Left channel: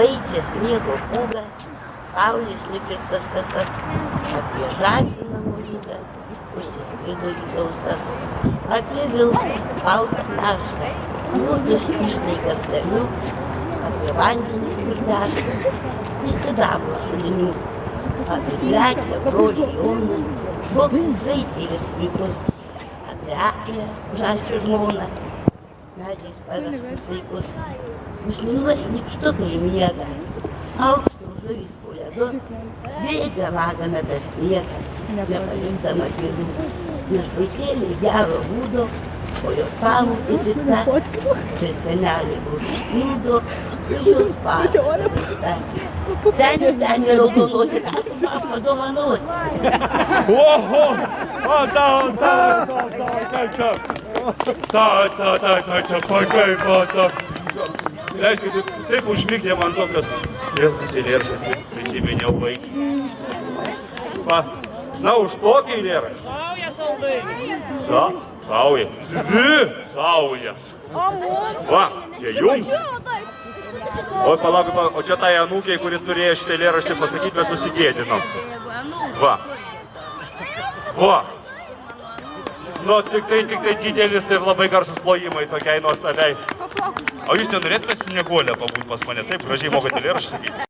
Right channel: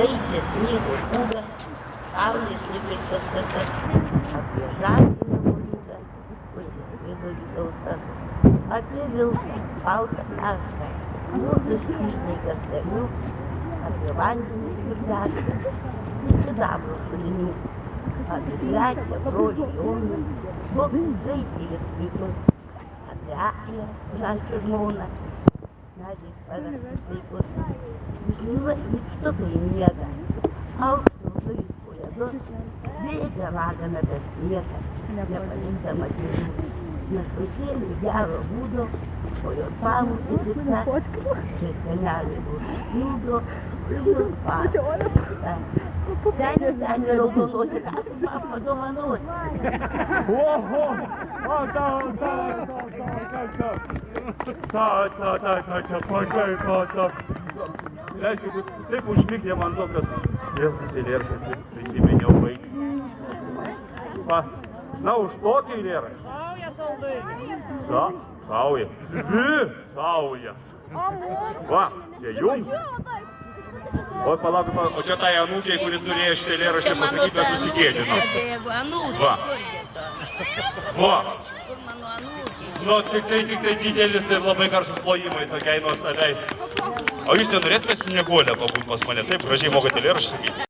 laikė sniego pūgą, saulės nukreiptas kasas, apie žąsiną grūdą, užsiskrido į dausas, apie vilką, baltą naštą, mūrdus ištaikas tarmių, apie vandenį ir dešrą, įsidavo šulinių, apie grekę, brolį Joną, koks raitėlis puikus, apie aklę, žąsių žmoną, medžiais paverstus vaikus, užminuos nykštukai miega, aukštum žuvys po ledu, bėga vagame per sniegą, nepalinkdama kėdų, nes vaikėliai gero būdo, o jos pamokė pikta, ir senelė užpildo, ir jos pasakė. Senė raudonosi, man padovanosi. Leiskite, taip užmigdė man to, kad vėl eilėraštį prisiminiau vaikį. Na, už tokį eilėraštį. Sauja. Dvi saujas. Va, čia jums. O palauk, o čia tai anūkiai, kuri turėjo šitą eilėraštį pasakyti, bet susigėdino. Va. Va. Nu, tik tai didelis, tai labai garsus plojimai tokiai nuostabiai. O jūs nenorėtumėte su Snieguole pabūt pas mane? Taip, gražiai mokate eilėraštį sakyti.